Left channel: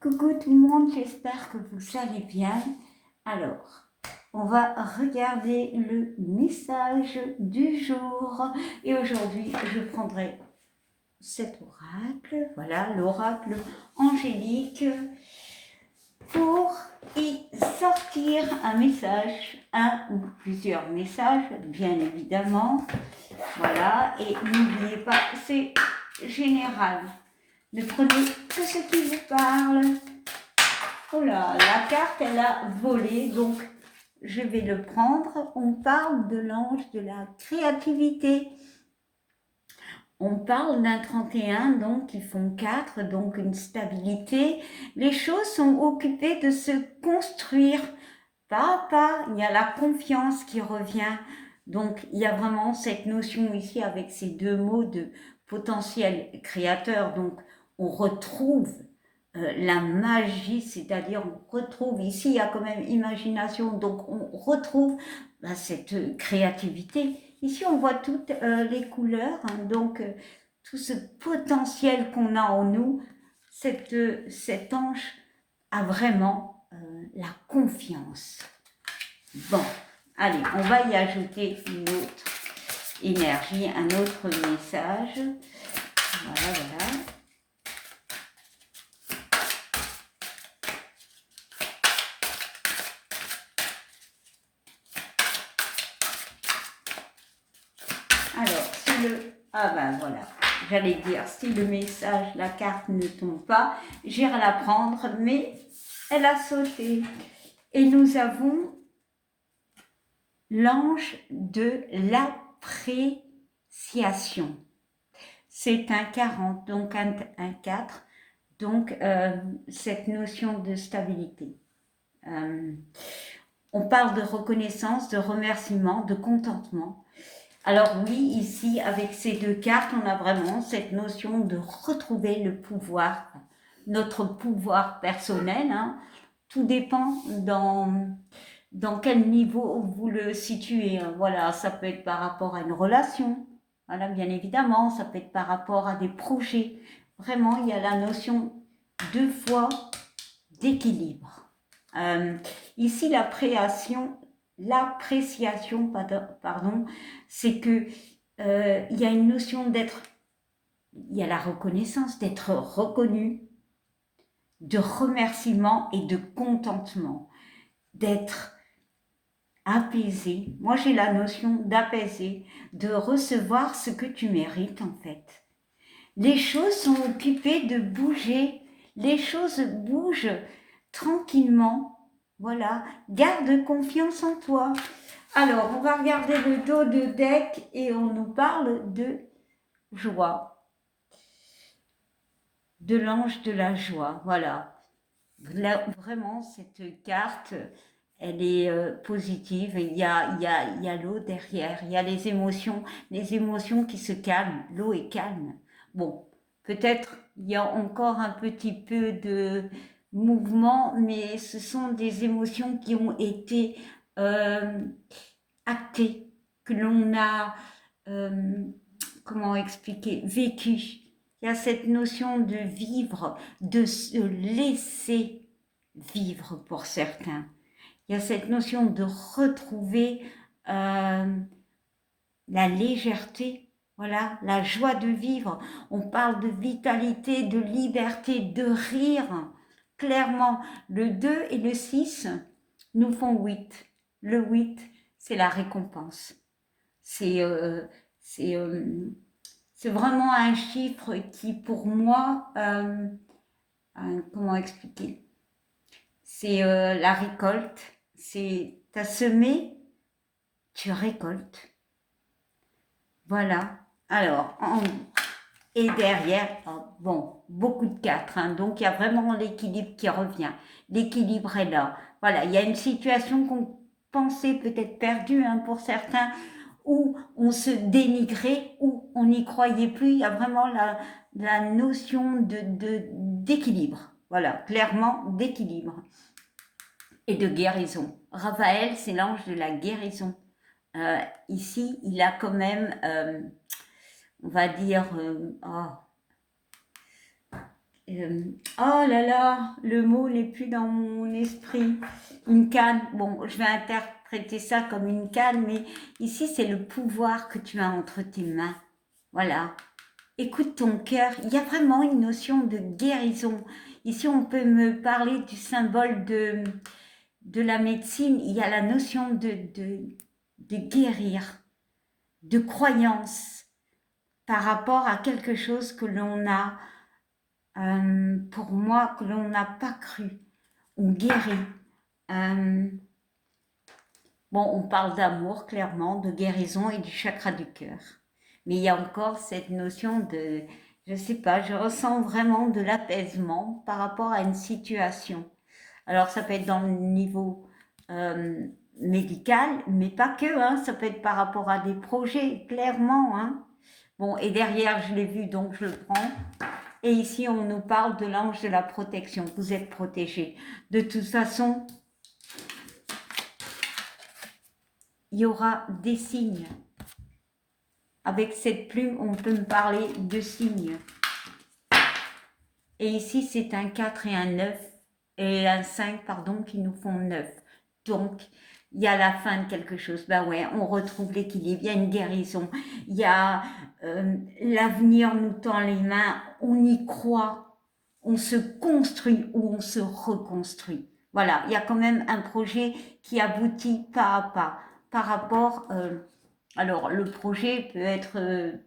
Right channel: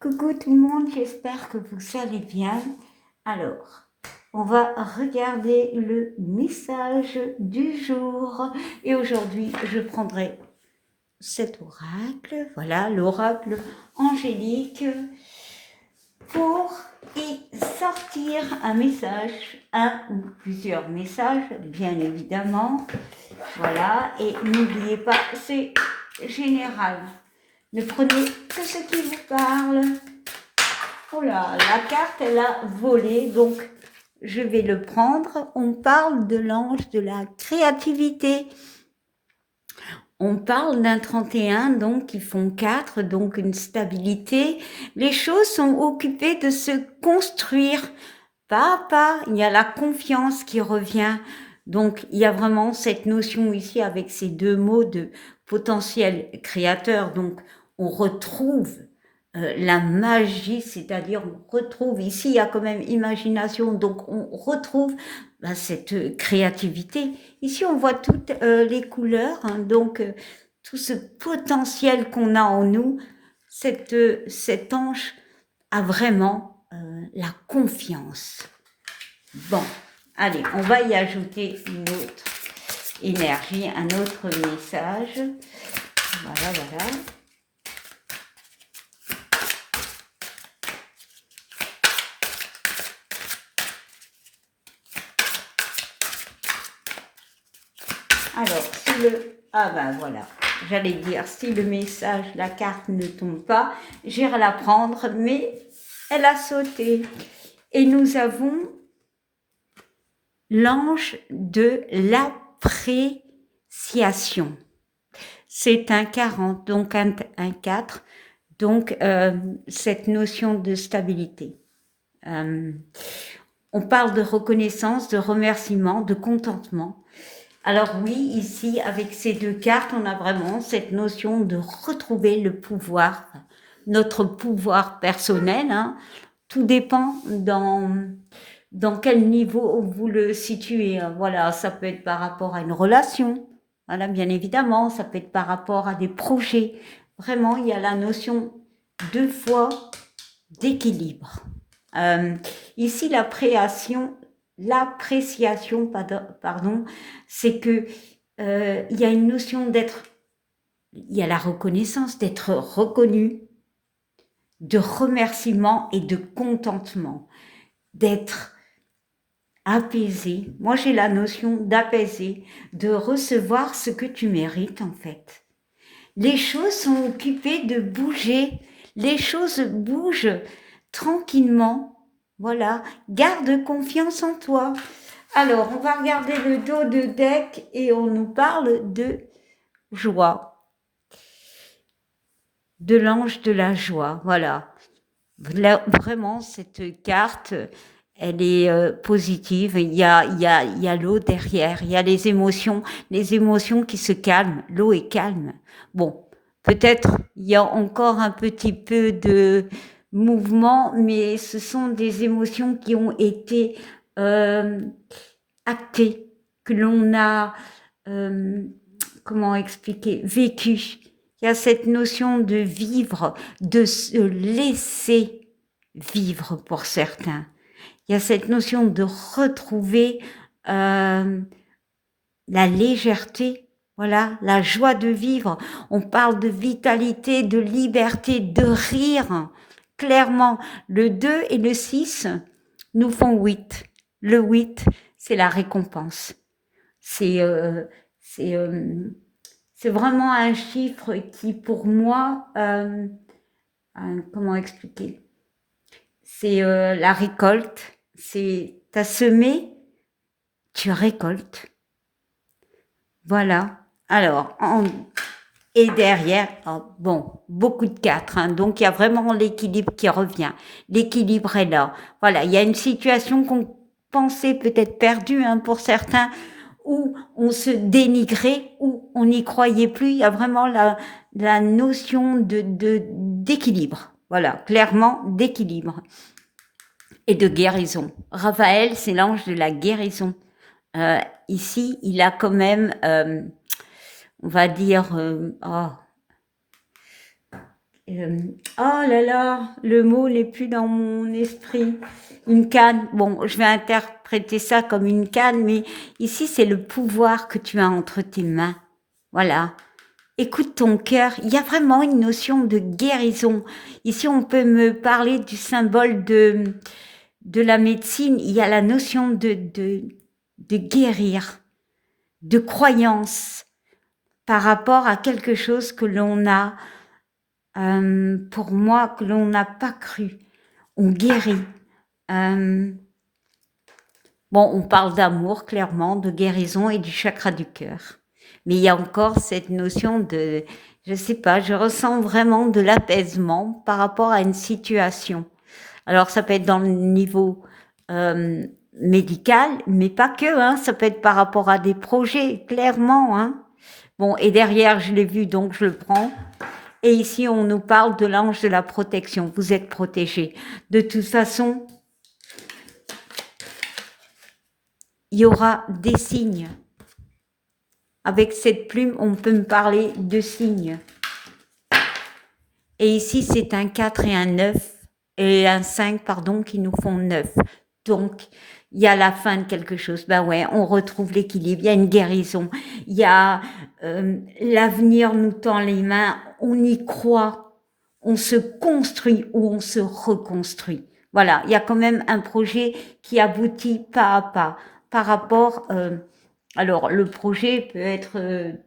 Coucou tout le monde, j'espère que vous allez bien. Alors, on va regarder le message du jour. Et aujourd'hui, je prendrai cet oracle, voilà, l'oracle angélique, pour y sortir un message, un ou plusieurs messages, bien évidemment. Voilà, et n'oubliez pas, c'est général. Ne prenez que ce qui vous parle. Oh là, la carte, elle a volé, donc je vais le prendre. On parle de l'ange de la créativité. On parle d'un 31, donc qui font 4, donc une stabilité. Les choses sont occupées de se construire pas à pas. Il y a la confiance qui revient. Donc il y a vraiment cette notion ici avec ces deux mots de potentiel créateur. Donc on retrouve la magie, c'est-à-dire on retrouve, ici il y a quand même imagination, donc on retrouve cette créativité. Ici on voit toutes les couleurs, hein, donc tout ce potentiel qu'on a en nous, cet ange a vraiment la confiance. Bon, allez, on va y ajouter une autre énergie, un autre message. Voilà, voilà. Alors, si le... Ah ben voilà, j'allais dire, si le message, la carte ne tombe pas, j'irai la prendre, mais elle a sauté. Et nous avons l'ange de l'appréciation. C'est un 40, donc un 4, donc cette notion de stabilité. On parle de reconnaissance, de remerciement, de contentement. Alors oui, ici, avec ces deux cartes, on a vraiment cette notion de retrouver le pouvoir, notre pouvoir personnel. Hein. Tout dépend dans quel niveau vous le situez. Voilà, ça peut être par rapport à une relation, voilà, bien évidemment, ça peut être par rapport à des projets. Vraiment, il y a la notion deux fois d'équilibre. Ici, l'appréciation, pardon, c'est que il y a une notion d'être, il y a la reconnaissance, d'être reconnu, de remerciement et de contentement, d'être apaisé. Moi, j'ai la notion d'apaiser, de recevoir ce que tu mérites en fait. Les choses sont occupées de bouger, les choses bougent tranquillement. Voilà, garde confiance en toi. Alors, on va regarder le dos de deck et on nous parle de joie, de l'ange de la joie. Voilà. Là, vraiment, cette carte, elle est positive. Il y a l'eau derrière, il y a les émotions qui se calment. L'eau est calme. Bon, peut-être il y a encore un petit peu de mouvement, mais ce sont des émotions qui ont été euh, actées, que l'on a, euh, comment expliquer, vécues. Il y a cette notion de vivre, de se laisser vivre pour certains. Il y a cette notion de retrouver la légèreté, voilà, la joie de vivre. On parle de vitalité, de liberté, de rire. Clairement, le 2 et le 6 nous font 8. Le 8, c'est la récompense. C'est c'est euh, c'est vraiment un chiffre qui, pour moi, comment expliquer? C'est la récolte. C'est t'as semé, tu récoltes. Voilà. Alors, et derrière, oh, bon, beaucoup de 4. Hein, donc, il y a vraiment l'équilibre qui revient. L'équilibre est là. Voilà, il y a une situation qu'on pensait peut-être perdue hein, pour certains, où on se dénigrait, où on n'y croyait plus. Il y a vraiment la notion d'équilibre. Voilà, clairement d'équilibre et de guérison. Raphaël, c'est l'ange de la guérison. Ici, il a quand même, on va dire, oh là là, le mot n'est plus dans mon esprit. Une canne. Bon, je vais interpréter ça comme une canne, mais ici, c'est le pouvoir que tu as entre tes mains. Voilà. Écoute ton cœur. Il y a vraiment une notion de guérison. Ici, on peut me parler du symbole de la médecine. Il y a la notion de guérir, de croyance par rapport à quelque chose que l'on a, pour moi, que l'on n'a pas cru. On guérit. Bon, on parle d'amour, clairement, de guérison et du chakra du cœur. Mais il y a encore cette notion de, je sais pas, je ressens vraiment de l'apaisement par rapport à une situation. Alors, ça peut être dans le niveau médical, mais pas que, hein, ça peut être par rapport à des projets, clairement, hein. Bon, et derrière, je l'ai vu, donc je le prends. Et ici, on nous parle de l'ange de la protection. Vous êtes protégés. De toute façon, il y aura des signes. Avec cette plume, on peut me parler de signes. Et ici, c'est un 4 et un 9, et un 5, pardon, qui nous font 9. Donc, il y a la fin de quelque chose. Ben ouais, on retrouve l'équilibre, il y a une guérison, il y a l'avenir nous tend les mains, on y croit, on se construit ou on se reconstruit. Voilà, il y a quand même un projet qui aboutit pas à pas par rapport... alors, le projet peut être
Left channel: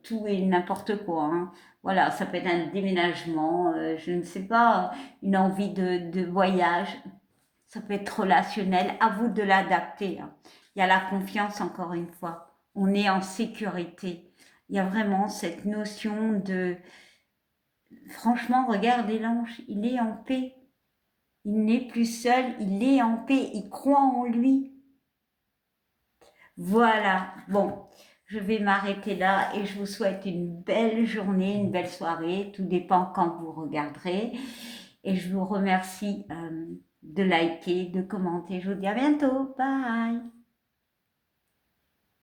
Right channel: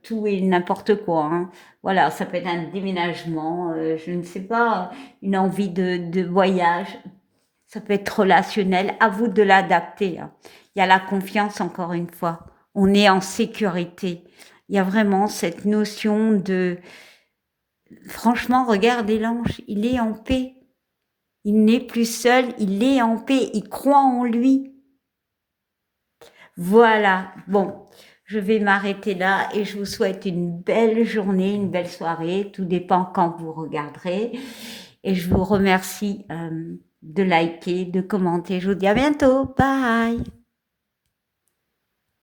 tout et n'importe quoi, hein. Voilà, ça peut être un déménagement, je ne sais pas, une envie de voyage, ça peut être relationnel, à vous de l'adapter, hein. Il y a la confiance, encore une fois, on est en sécurité. Il y a vraiment cette notion de... Franchement, regardez l'ange, il est en paix. Il n'est plus seul, il est en paix, il croit en lui. Voilà, bon, je vais m'arrêter là et je vous souhaite une belle journée, une belle soirée, tout dépend quand vous regarderez. Et je vous remercie de liker, de commenter. Je vous dis à bientôt, bye!